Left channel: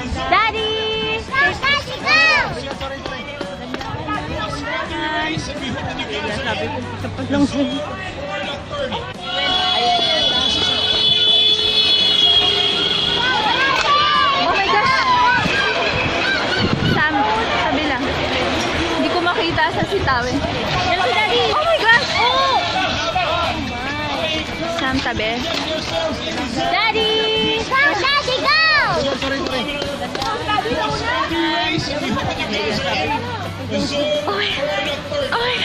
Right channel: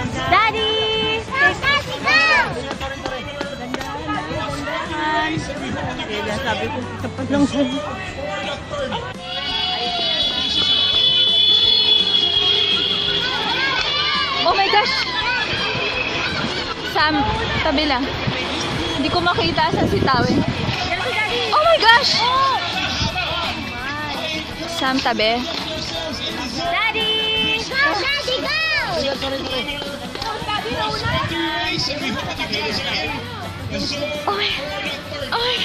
Daddy! Sabi ko, tapat lang sa'yo. Oh my gosh! Sam, tabi lang. Hindi ko makita saan si Tawin. Oh my gosh! Sam, tabi. Daddy! Daddy, go! Oh, oh.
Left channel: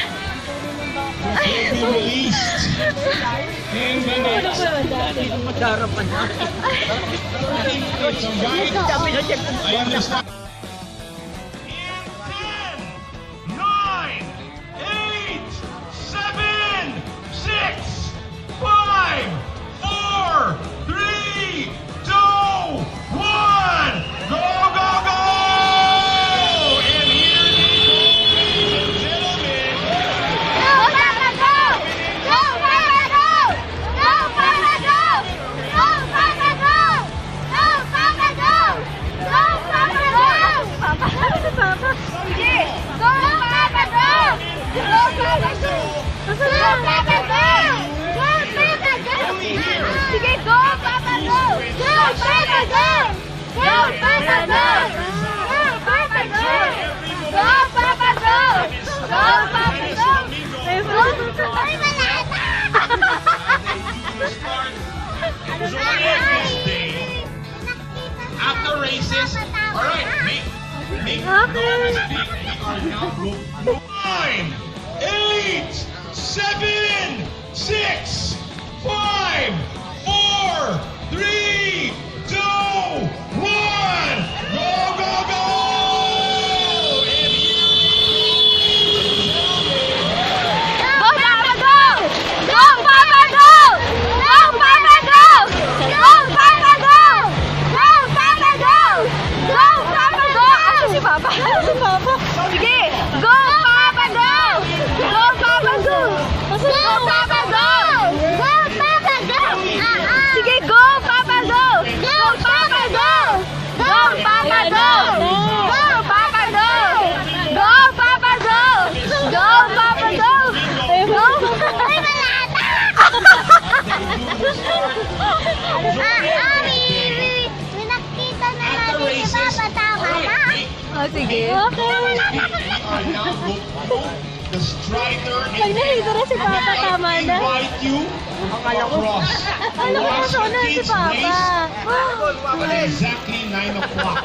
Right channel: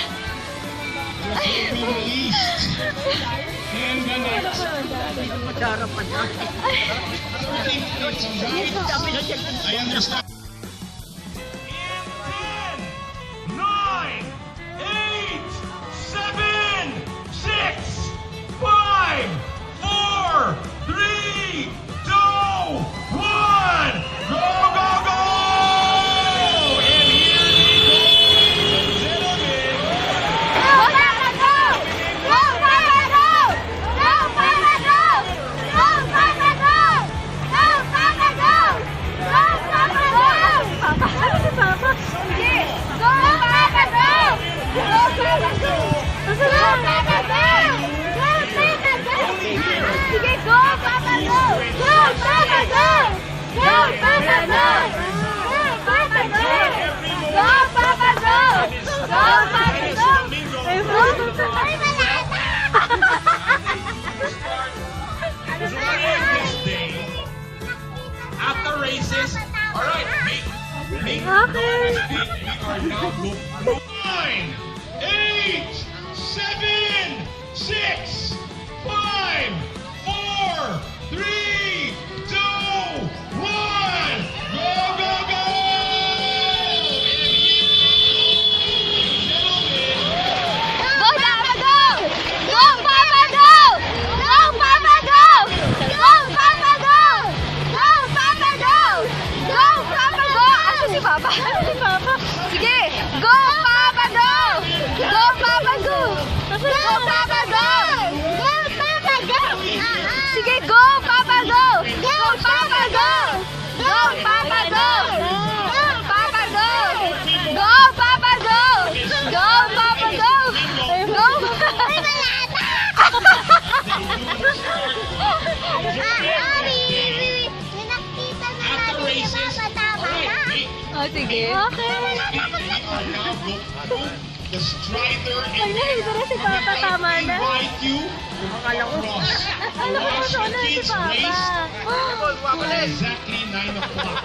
After races, all right, make Okay. 9, 8, 7, 6, 5, 4, 3, 2, 1, go, go, go! Go, Papa, go! Go, Papa, go! Go, Papa, go! Go, Papa, go! Go, Papa, go! Go, Papa, go! Asa si Papa? Si Papa. Sige, go, Papa, go! Go, Papa, go! Go, Papa, go! Go, Papa, go! Sige, go, Papa, go! Go, Papa, go! Go, Papa, go! Go, Papa, go! Go, Papa, go! Go, Papa, go! Go! Minakita na natin si Papa, tama na? Oh, sige. The striker Siguro si Papa tama na. invite you across. Alam ko sana si Papa. Exactly 9 o'clock.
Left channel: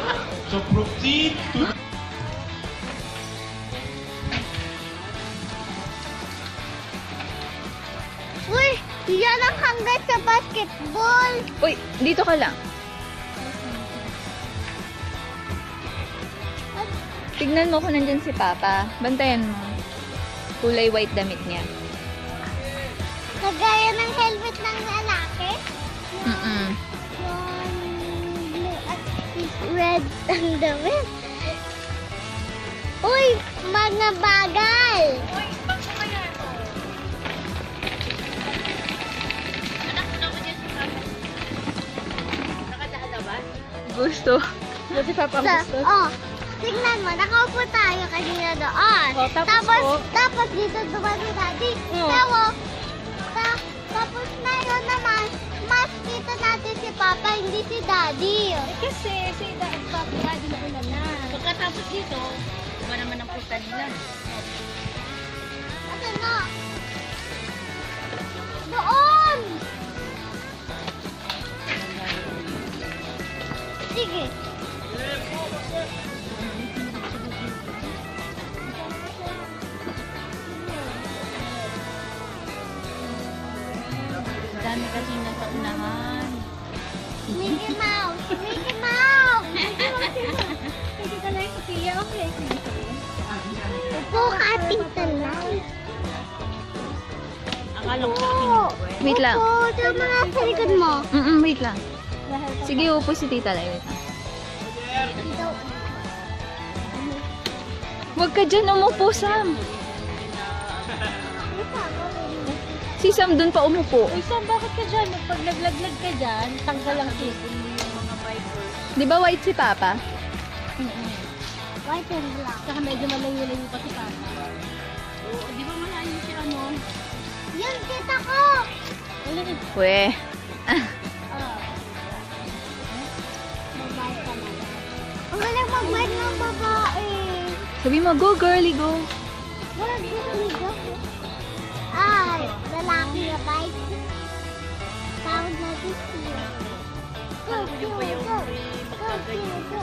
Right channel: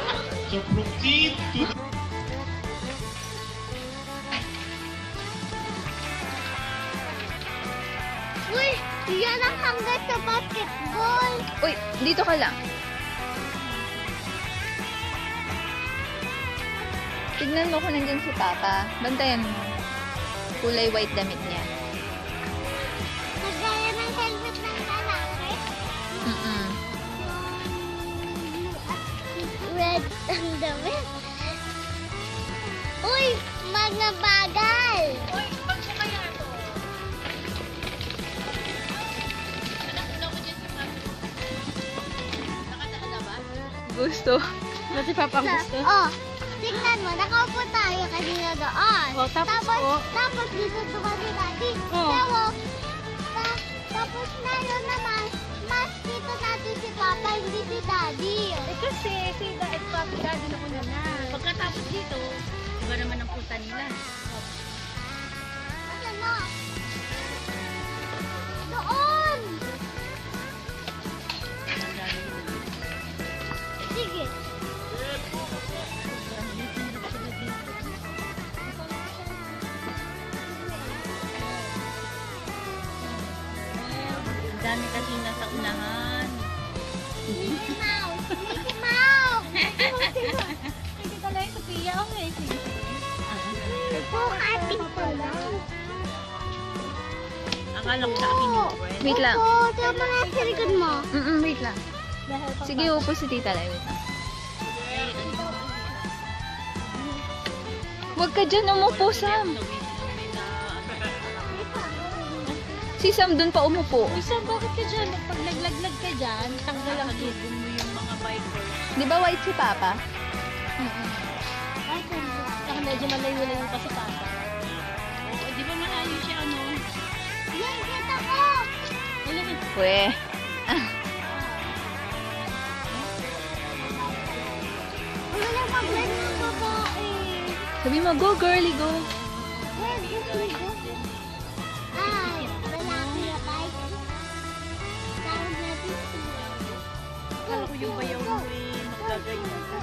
So proceed to the Uy, yan ang hanggat sa basketball. Uy, dito ka lang. Tignan mo kung nandyan si Papa. Bantayan mo. Kulay white damit niya. Kagaya ng helmet ng lalaki. Mm-mm. Blue at red ang damit. Uy, mga bagal. Gusto. Oh, tignan mo, nakaupo tayo kanina doon. Tapos dito dumating si Daddy. Tapos meron naman, mas kita natin si Papa, hindi si Daddy. Kasi si Daddy na una na. Pagkatapos dito, iba naman ang punta nila. Ano na? Doon! Sige. Dami kasi nasa unahan. Mickey Mouse! Mickey Mouse! Hindi ka lang yung Sophia. Okay. Ito, ating talang. Akala ko sa akin. Wait lang. Oo, sa mga sa likod mo. Wait lang. Sige, upo si Tita Lai. Wait lang. Huwag ka dyan umupo, Sam. Si Sam dun pa umupo. Isa, bakit ka dyan? Pag naglaglag ka dyan, tanggal ang kipon mo yung mga wiper. Di ba white si Papa? White and black. Saka medyo malayo-layo kasi tayo. Oo, di ba malayo siya ano? Yan, kita ko! Pwe. Wala mag-bike ng babae. Sabi mo, go girly, go. Where do we go? Ay, lalaki na bike. Tawag natin siya. Go, go, go. Go, go, go.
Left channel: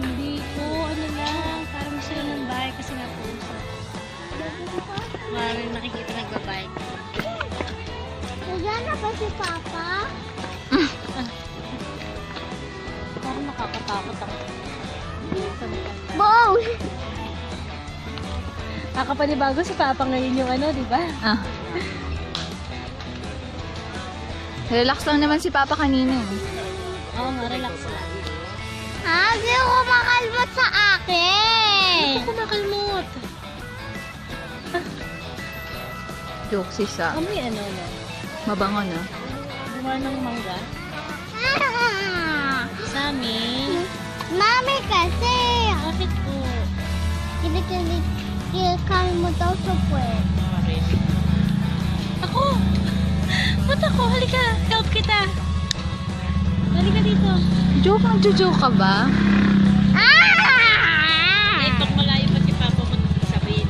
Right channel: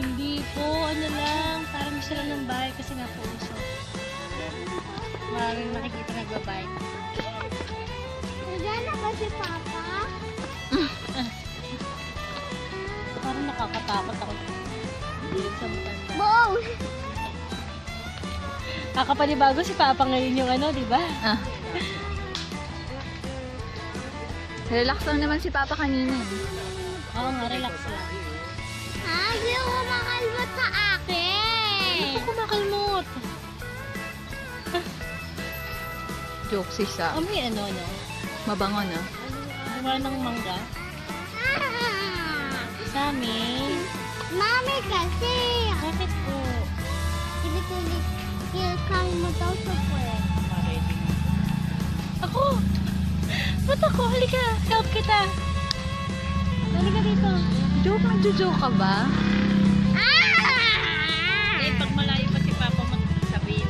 Hindi po, ano lang, parang gusto lang ng bike kasi nga po siya. Parang nakikita nagbabike. Nagana ba si Papa? Parang nakakatakot ako. Wow! Nakapanibago si Papa ngayon yung ano, di ba? Ah. Relax lang naman si Papa kanina. Oo, relax lang. Ha? Di ako makalmot sa akin! Ako makalmot. Joke si Sam. Amoy ano na? Mabango na. Gumano ng mangga? Ah! Sami. Mami kasi! Bakit po? Kinikilikil mo daw sa puwet. Ako! Ba't ako? Halika! Help kita! Halika dito. Joke, nagjo-joke ka ba? Ah! Eh, pag malayo pa si Papa mo sabihin.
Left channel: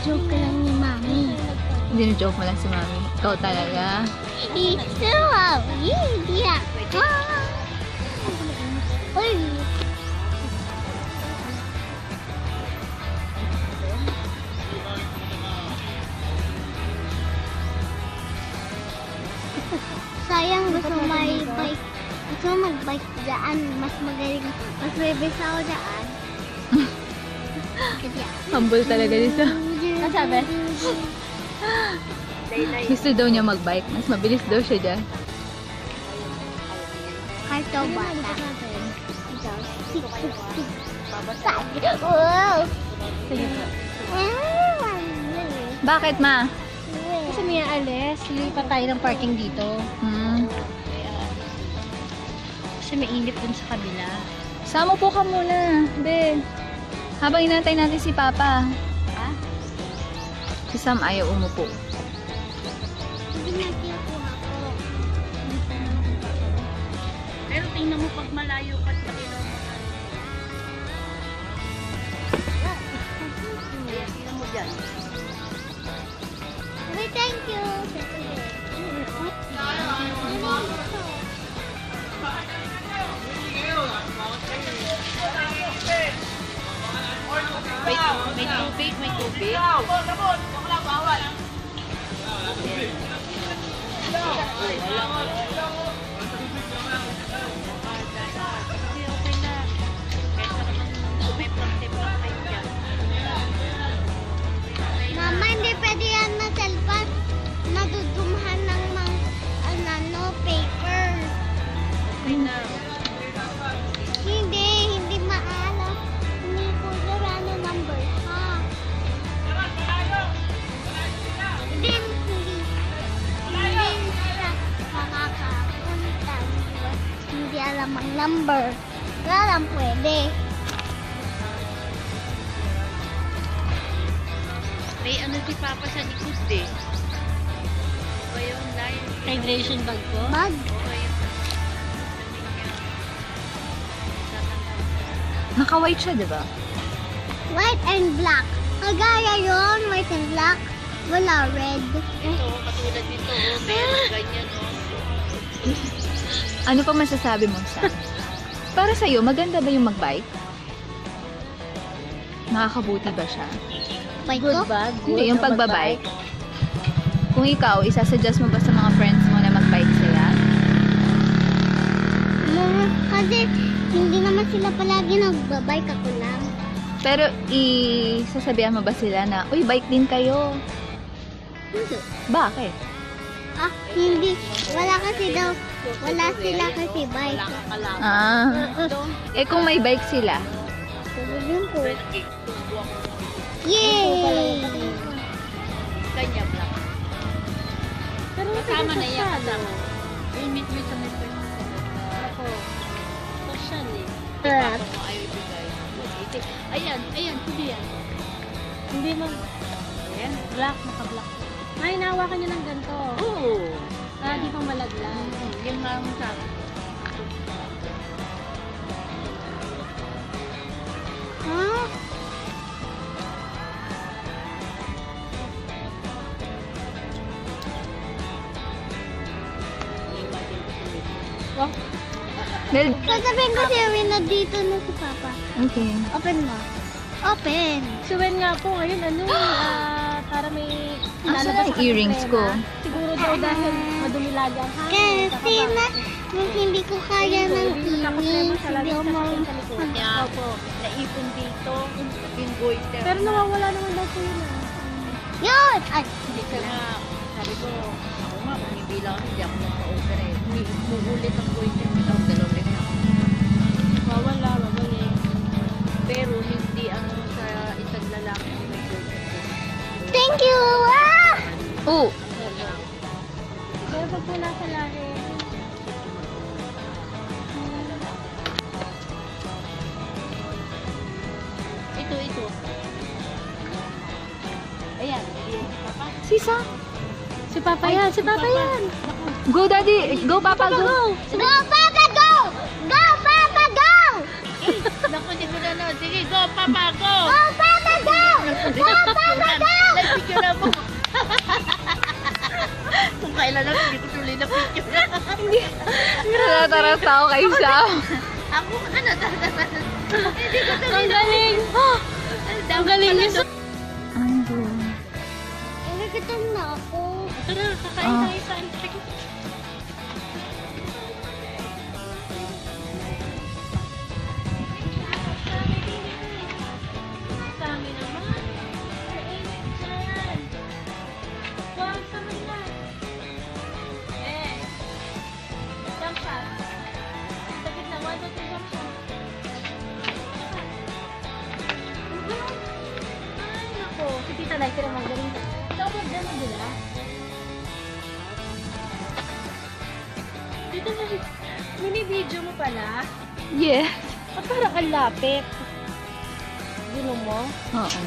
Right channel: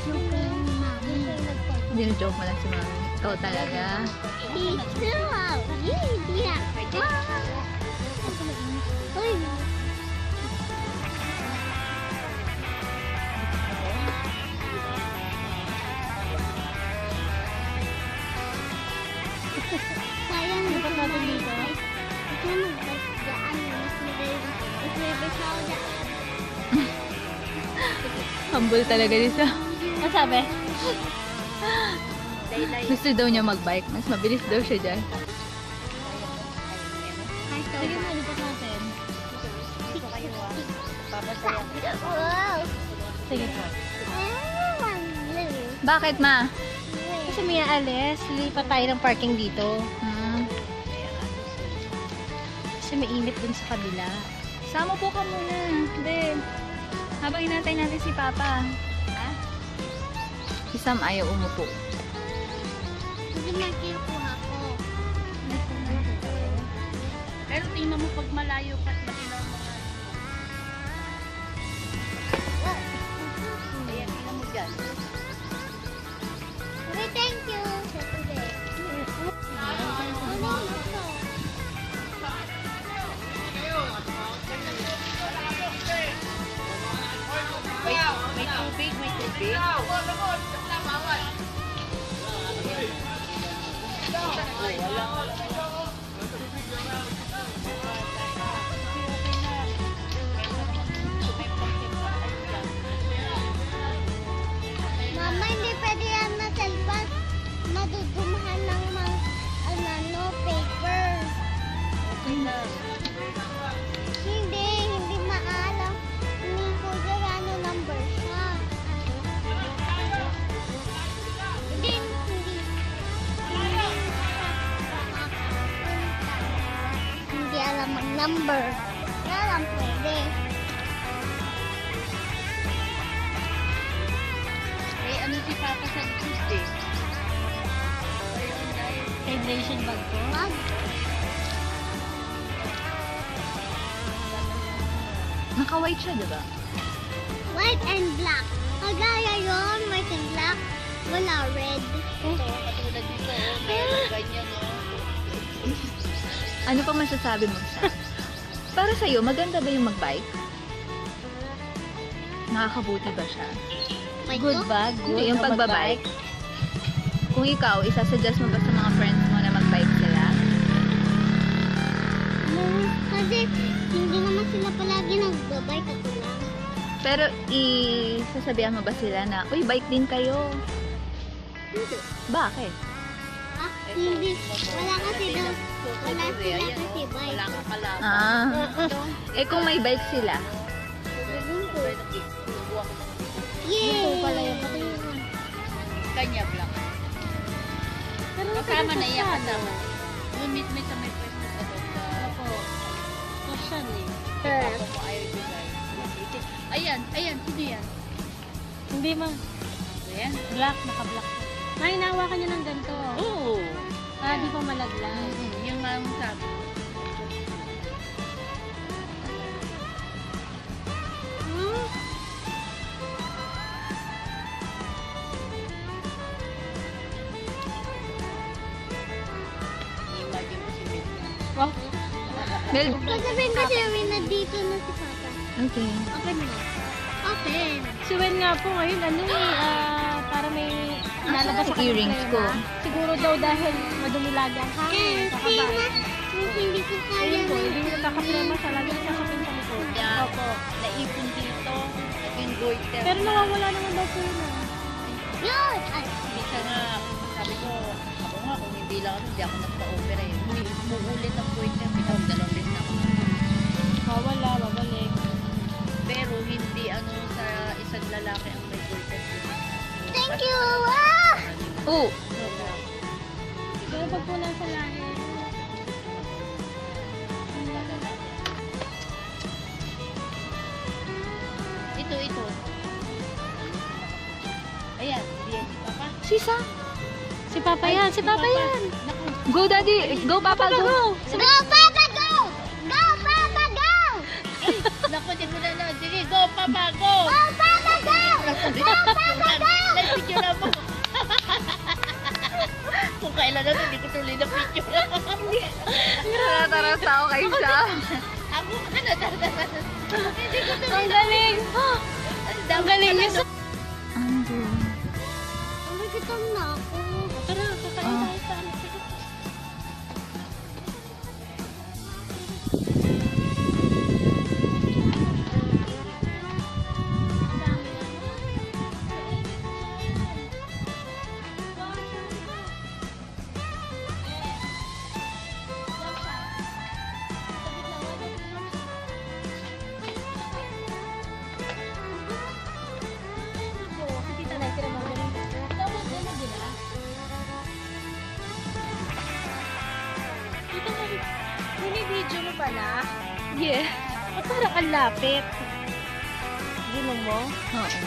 Joke ka lang ni Mami. Hindi na joke mo lang si Mami. Ikaw talaga. Ito, hindi ako. Uy! Sayang gusto may bike. Gusto mag-bike dyan. Mas magaling. Mas bebes ako dyan. Humble talaga Lisa. Ano sabi? Gusto daw niya mag-bike. Mas mabilis daw siya dyan. Kahit daw ba? Ano ba natin? Wow! Sige. Bakit, Ma? Kasi may aalis. Lilipat tayo ng parking dito. Kasi mainit dun sa kabila. Sama po ka muna. Hindi. Habang inantay natin si Papa. Ha? Si Sam ayaw umupo. Hindi nga kinukuha ko. Pero tingnan mo pag malayo ka dito. Tingnan mo dyan. Sabi, thank you. May tubig, may tubig. Mama, hindi pwede yan na cellphone. Nadudumahan ng mga ano, paper. Hindi maalam. Hindi ko ano number ha. Hindi makakapunta. Hindi alam ang number. Wala lang pwede. May ano si Papa sa likod eh. Hydration bag ko? Mag. Naka-white siya, di ba? White and black. Kagaya yun, white and black. Wala red. Ito, katulad dito. Meron ganyan. Ano pa masasabi mo, Sam? Para sa'yo, maganda ba yung mag-bike? Nakakabuti ba siya? Good bag. Hindi, yung pagbabike. Kung ikaw, isasuggest mo ba sa mga friends mo na mag-bike sila? Kasi hindi naman sila palagi nagbabike, ako lang. Pero isasabihan mo ba sila na, uy, bike din kayo? Hindi. Bakit? Ah, hindi. Wala kasi daw. Wala sila kasi bike. Ah. Eh kung may bike sila, Sabihin ko. Yay! Kanya black. Pero Kasama na yan, kasama. Yung may sa may pwesto. Ako, social eh. Harap. Ako, ayaw ibigay. Ayan, hindi yan. Hindi ma'am. Ayan, black, naka-black. Ay, nahawakan niya ng ganito. Oo. Ah, di pa malaglag. Yung ma'am sabi. Huh? Mel, Sasabihin ko sa'yo, may nandito na si Papa. okay. Open mo. Open. Suwen nga po, ayun, ano para may... Asan ang earrings ko? Siguro daw dahil madumilagan. Kasi na, hindi ko kaya ng tingin. Hindi ako Yan po, naipon dito, naging goiter. Pero nawawala naman daw po yun. Yun! Ay, Hindi ka nga, sabi ko, ako nga, kung hindi lang ako, hindi ako nagpa-opera eh. Umuulit ang goiter, ito, dalawin na. Wala, babalik. Pero hindi ano sa isang lalaki ang may goiter. thank you! Ah! Oh, Ito po nasa lalim. Ito. Ayan, ayan. Papa. sisa. Si Papa yan, si Papa yan. Go, Daddy. Go, Papa, go. Go, Papa, go! Go, Papa, go! Naku, hindi mo na na. Sige, go, Papa, go! Go, Papa, go! Go, Papa, go! Picture mo. Kung kailan lang, hindi ko tuloy na picture. Taras ako kay Sam. Ako, ano, ang galing. Ang galing niya. Ang go. Nagkitim na ako. Tara, kakain Ah. tayo sa ano. Dami naman. Wow, sama na. Jump shot. Sa gitna, 1, 2, 3, jump shot. Ako, si Tita Lai, kaya magaling. Tawag na na nila. Tita mo, video mo pala. Yeah. At parang ang lapit. Gino mo? Oo.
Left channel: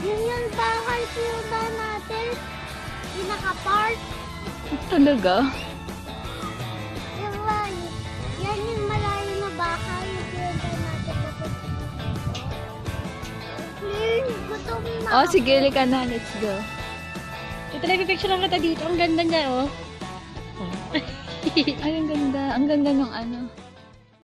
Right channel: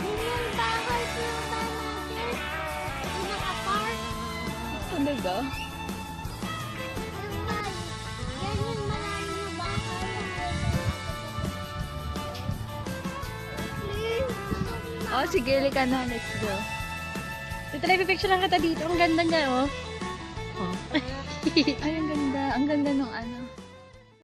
Yung bahay suba natin, yung nakapark, Talaga? yung bahay. Yan yung malayo na bahay. Please, gusto ko na. Oh, sige, lika na. Let's go. Ito lang, picture lang kita dito. Ang ganda niya, oh. Ay, ang ganda. Ang ganda ng ano.